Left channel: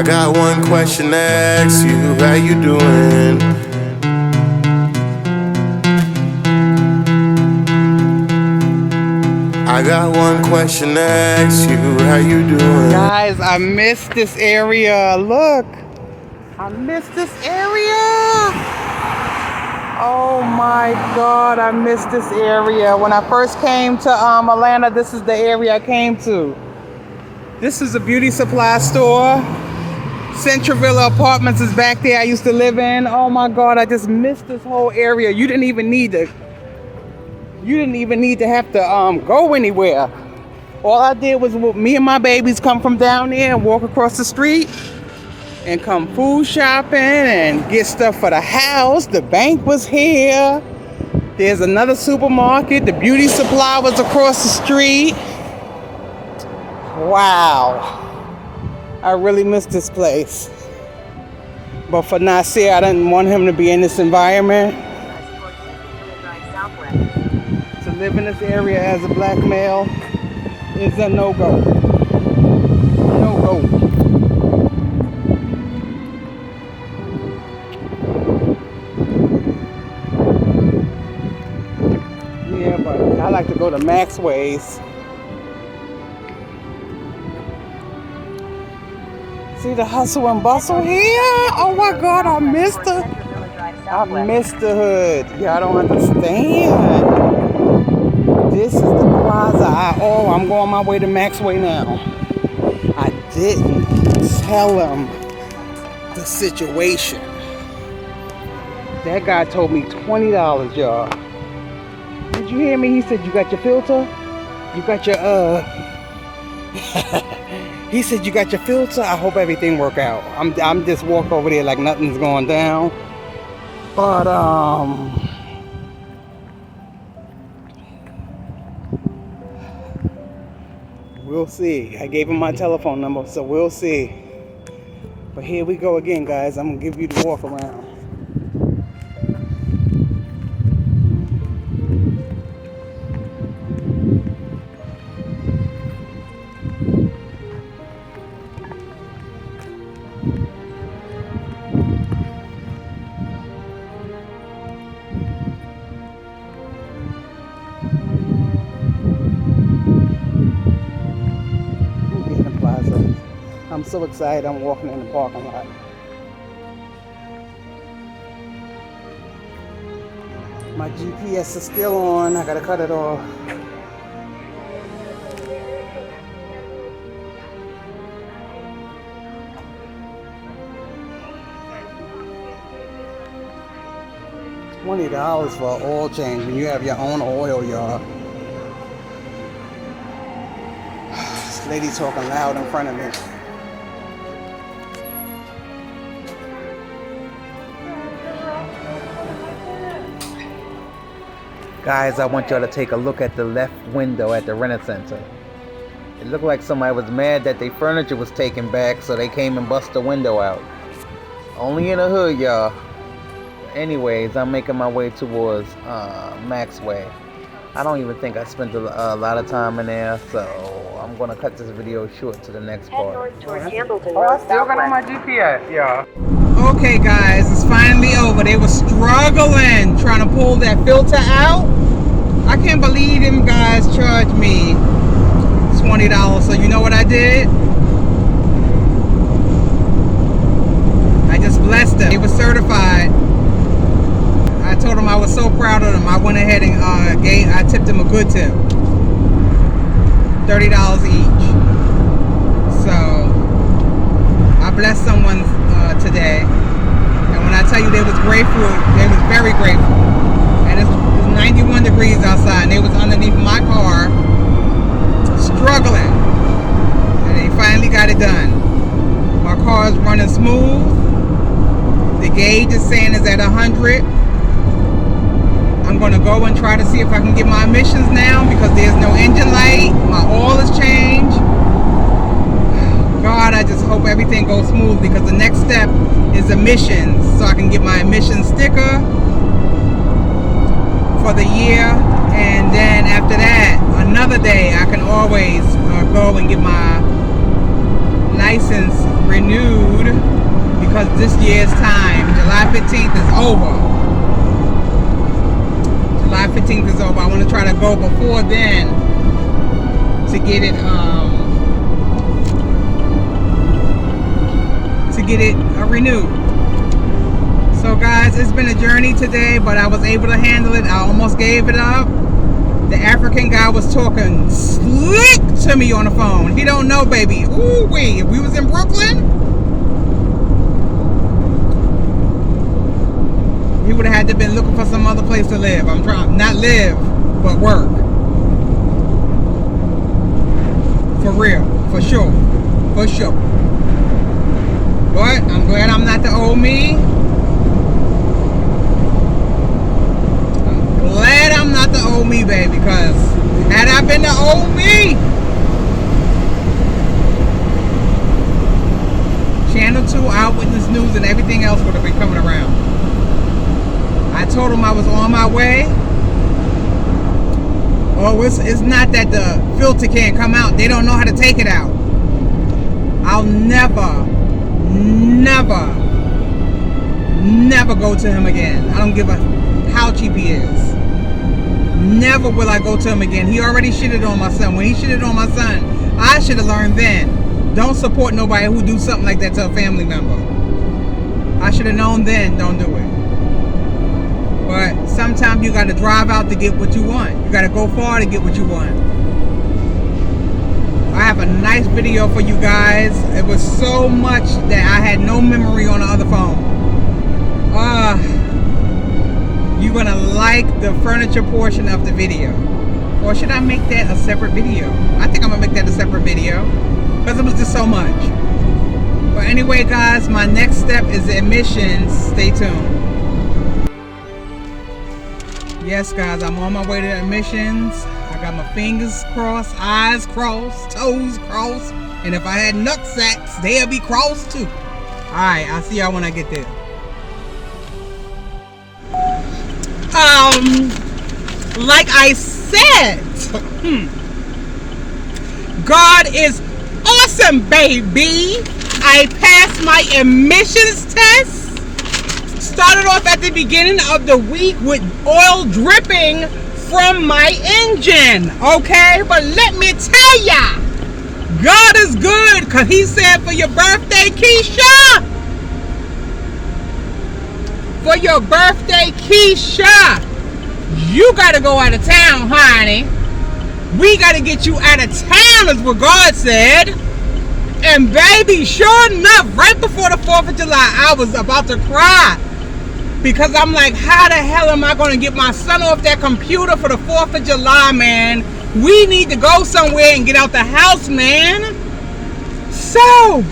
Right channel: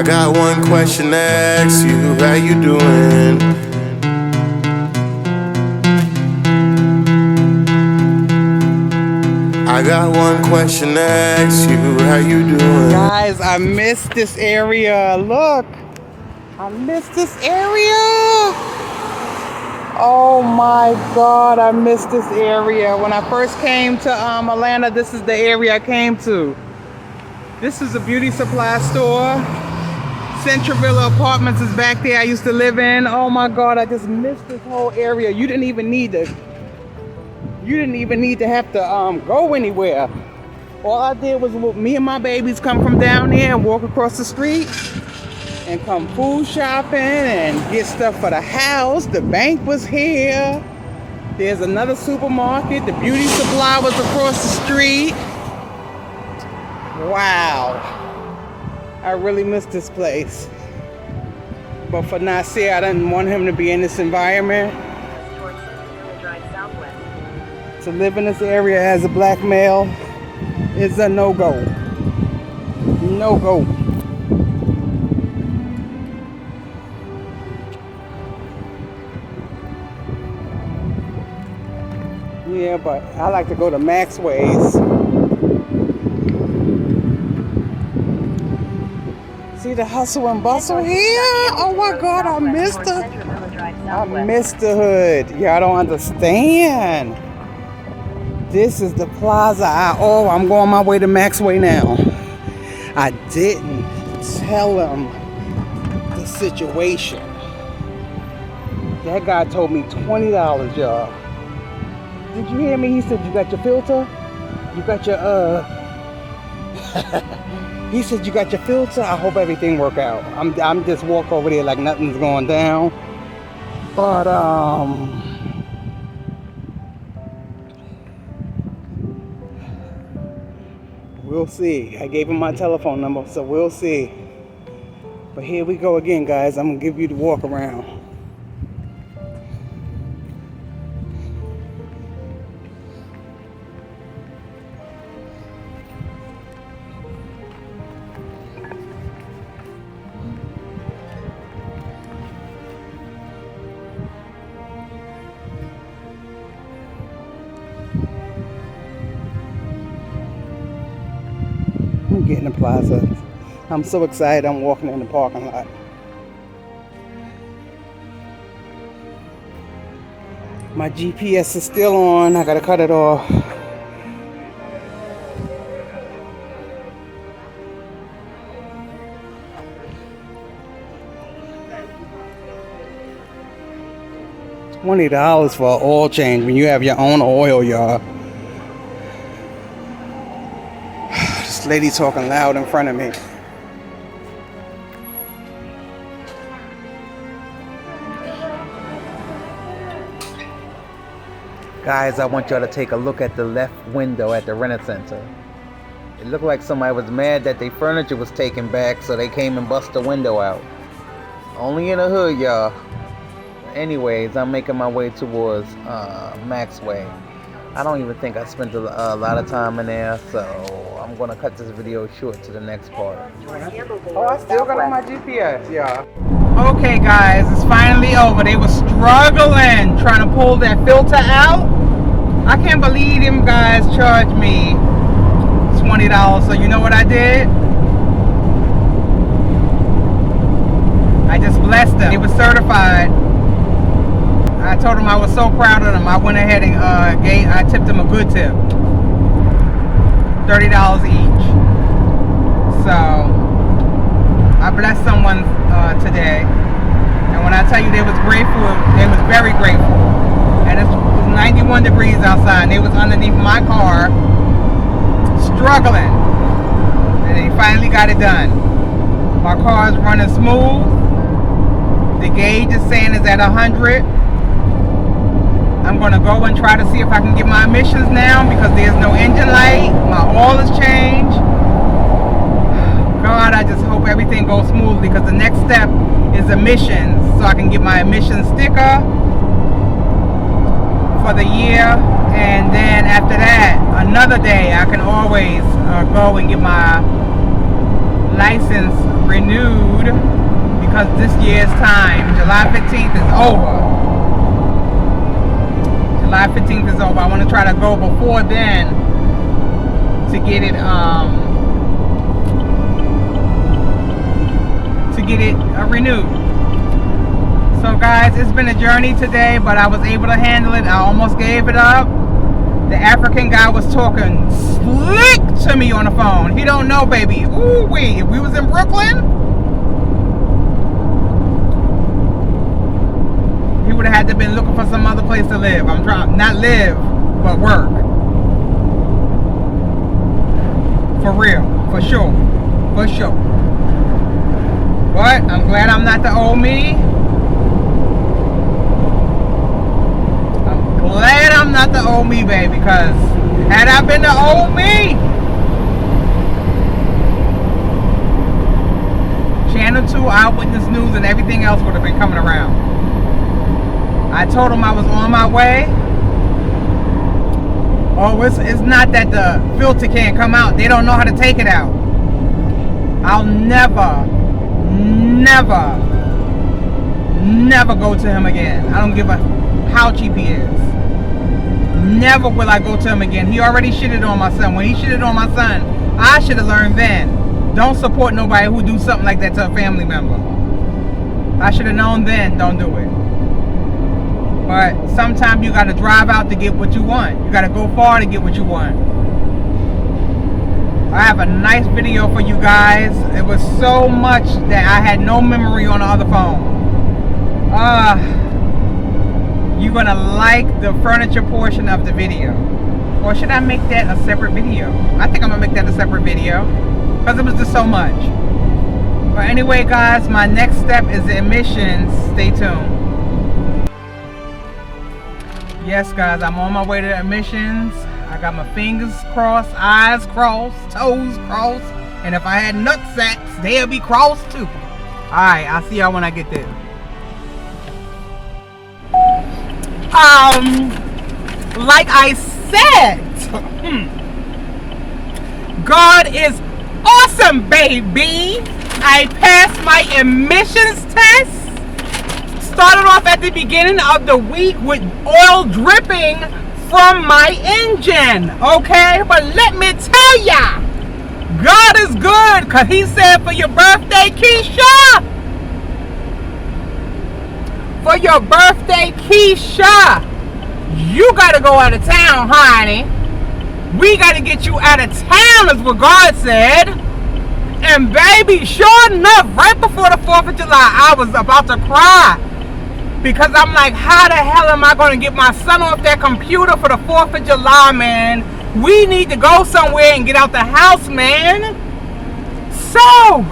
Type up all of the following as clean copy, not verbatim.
I got one question to ask you, how you doing? I got one question to ask you, how you doing? Guys, I miss this area. Look, I miss this area. Oh my God, I miss this area. When I first came to Atlanta, this is the area I came to. This is a beauty supply store. Central Villa Apartments is back there I used to live in. Oh my God, I just missed this whole area. You didn't even need to have to go anywhere. All I did was me and my babies come from down there and walk across the street and come food shopping and get stuff for the house. The bank was here. There's another supermarket. The beauty supply was across the street. Wow. I really miss this place. But for Nasir, I didn't want him to be in this environment. To live in this area as a black male is a no-go. No-go. Yeah, but I like to go to Maxway's. See the hustle and bustle here? Oh my God, I missed the hood. Y'all don't understand. This is the plaza. I'm going my way to Maxway now. I didn't tell him the situation. That guy told me $20, y'all. Did you hear me? He said, you got your filter? You got your, He said, you got your filter? I hope everything work out. I'm just walk over there like nothing's going down. But, we'll see. I gave him my telephone number, so we'll see. But here we go again, guys. I'm gonna give you the walk around. Getting the plaza. I'm so excited. I'm walking in the parking lot. My GPS is still on. I gotta cut it off. $20 for an oil change when you have your own oil, y'all. Lady talking loud in front of me. Guys, I want y'all to take a look at the left window at the Rent Center. It looked like somebody was mad that their furniture was taken back, so they came and bust the window out. Only in the hood, y'all. Anyways, I'm making my way towards Maxway. I don't even think I spent a lot of time in there, so I'm going to cut this video short to the next part. Oh, I still got on my GPS, yeah. Okay, guys, it's finally over. They were struggling trying to pull that filter out. I can't believe them guys charged me $20. So you know what I did? I just blessed them. They were certified. I told them I was so proud of them. I went ahead and I tipped them a good tip. $30 each. So I blessed someone today. And when I tell you they was grateful, they was very grateful. And it was 91 degrees outside and they was underneath my car struggling. And they finally got it done. My car is running smooth. The gauge is saying it's at 100. I'm going to go and try to see if I can get my emissions down because there's no engine light. My oil is changed. God, I just hope everything goes smoothly because the next step is emissions. So I can get my emissions sticker for the year. And then after that, another day, I can always go and get my license renewed because this year's time, July 15th is over. July 15th is over. I want to try to go before then to get it renewed. So guys, it's been a journey today, but I was able to handle it. I almost gave it up. The African guy was talking slick to me on the phone. He don't know, baby. Ooh wee. If we was in Brooklyn, he would have had to been looking for some other place to live. I'm trying not live, but work. For real, for sure, for sure. But I'm glad I'm not the old me. Glad I'm not the old me, baby, because had I been the old me, Channel 2, Eyewitness News, and everything else would have been coming around. I told them I was on my way. Oh, it's not that the filter can't come out. They don't know how to take it out. I'll never go to him again. I don't give a how cheap he is. Never will I go to him again. He already shitted on my son. When he shitted on my son, I should have learned then. Don't support nobody who do something like that to a family member. I should have known then. Don't do it. But sometimes you got to drive out to get what you want. You got to go far to get what you want. I have a nice video for you guys. It was so much that I had no memory on the other phone. You're gonna like the furniture portion of the video. Or should I make that a separate video? I think I'm gonna make that a separate video because it was just so much. But anyway, guys, my next step is the admissions. Stay tuned. Yes, guys, I'm on my way to admissions. I got my fingers crossed, eyes crossed, toes crossed, and if I had nut sacks, they'll be crossed too. Alright, I'll see y'all when I get there. Like I said, God is awesome, baby. I passed my admissions test. Started off at the beginning of the week with oil dripping from my engine, okay? But let me tell ya, God is good, because he said for your birthday, Keisha, for your birthday, Keisha, you got to go out of town, honey. We got to get you out of town, is what God said. And baby, sure enough, right before the 4th of July, I was about to cry. Because I'm like, how the hell am I going to get my son off that computer for the 4th of July, man? We need to go somewhere and get out the house, man. So,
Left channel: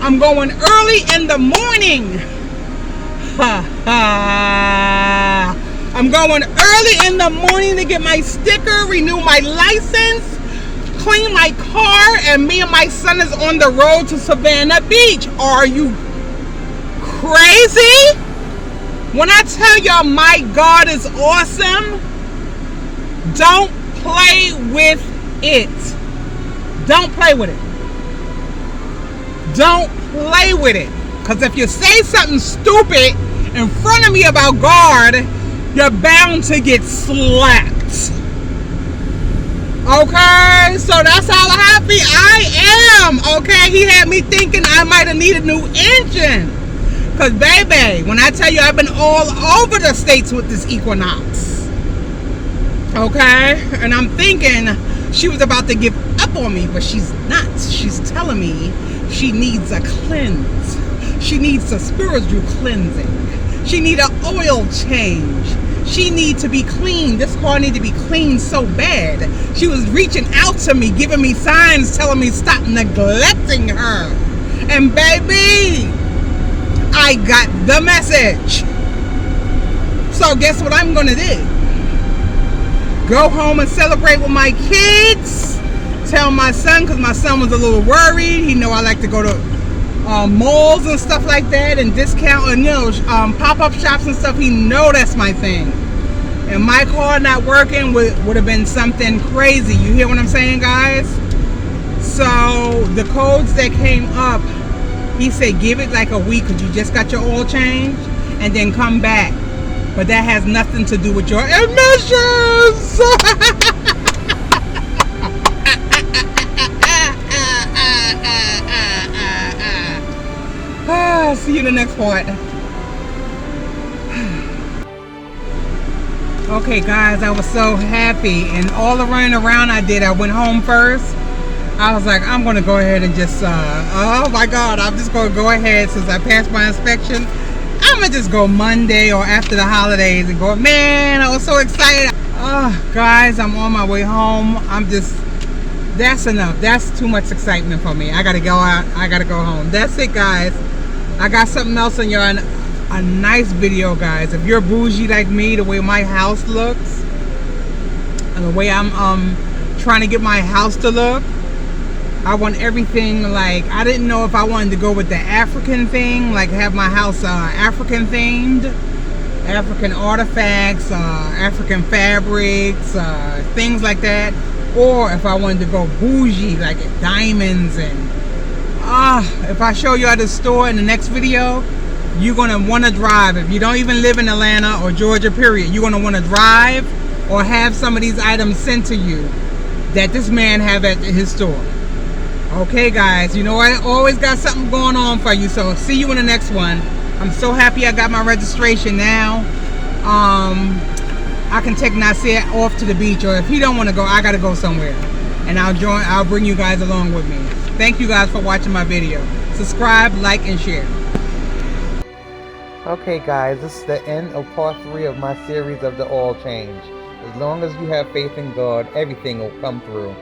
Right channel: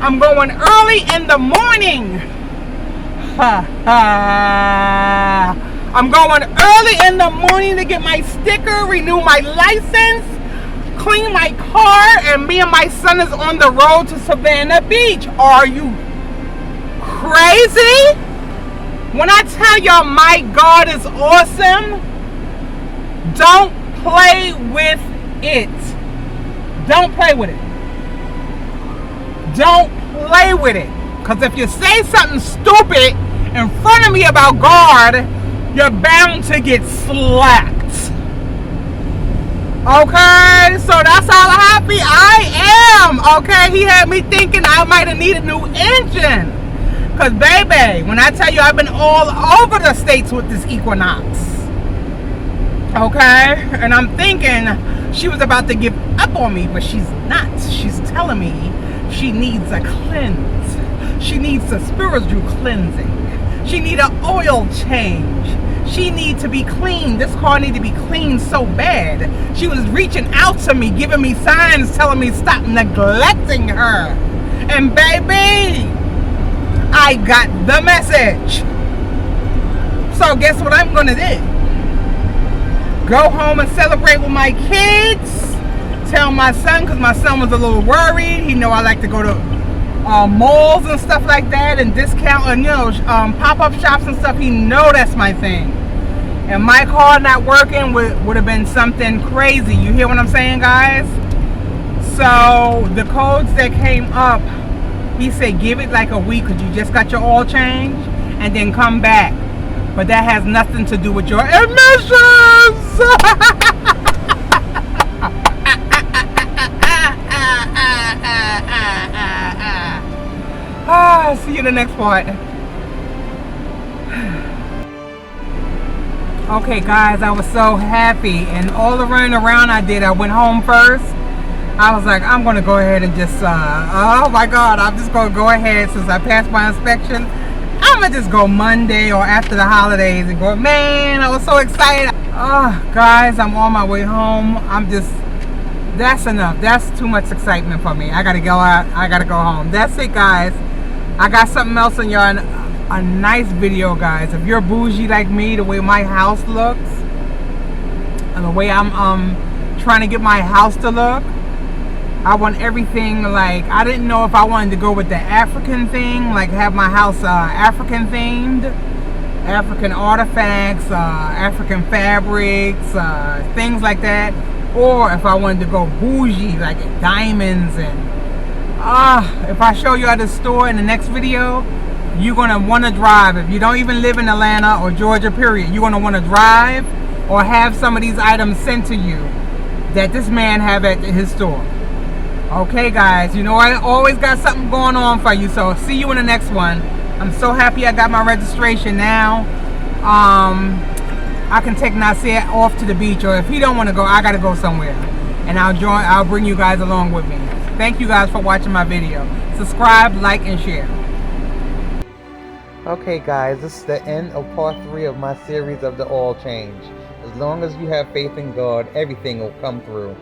I'm going early in the morning. I'm going early in the morning to get my sticker, renew my license, clean my car, and me and my son is on the road to Savannah Beach. Are you crazy? When I tell y'all my God is awesome, don't play with it. Don't play with it. Don't play with it. Because if you say something stupid in front of me about God, you're bound to get slapped. Okay? So that's how happy I am. Okay? He had me thinking I might have needed a new engine. Because, baby, when I tell you I've been all over the states with this Equinox. Okay? And I'm thinking she was about to give up on me, but she's not. She's telling me she needs a cleanse. She needs a spiritual cleansing. She needs an oil change. She needs to be clean. This car needs to be clean so bad. She was reaching out to me, giving me signs, telling me stop neglecting her. And, baby, I got the message. So guess what I'm gonna do? Go home and celebrate with my kids. Tell my son, because my son was a little worried. He know I like to go to malls and stuff like that, and discount and pop-up shops and stuff. He know that's my thing. And my car not working would have been something crazy. You hear what I'm saying, guys? So So the codes that came up, he said give it like a week because you just got your oil change, and then come back. But that has nothing to do with your emissions. See you in the next part. Okay guys, I was so happy, and all the running around I did, I went home first. I was like, I'm gonna go ahead and just oh my god, I'm just gonna go ahead since I passed my inspection. I'm gonna just go Monday or after the holidays and go. Man, I was so excited. Oh guys, I'm on my way home. That's enough. That's too much excitement for me. I gotta go out. I gotta go home. That's it guys. I got something else in y'all, a nice video guys. If you're bougie like me, the way my house looks and the way I'm trying to get my house to look, I want everything like, I didn't know if I wanted to go with the African thing, like have my house African themed, African artifacts, African fabrics, things like that, or if I wanted to go bougie like diamonds. And if I show y'all this store in the next video, you're gonna want to drive. If you don't even live in Atlanta or Georgia period, you're gonna want to drive or have some of these items sent to you that this man have at his store. Okay guys, you know I always got something going on for you, so see you in the next one. I'm so happy I got my registration now. I can take Nasir off to the beach, or if he don't want to go, I gotta go somewhere, and I'll bring you guys along with me. Thank you guys for watching my video. Subscribe, like, and share. Okay guys, this is the end of part 3 of my series of the oil change. As long as you have faith in God, everything will come through.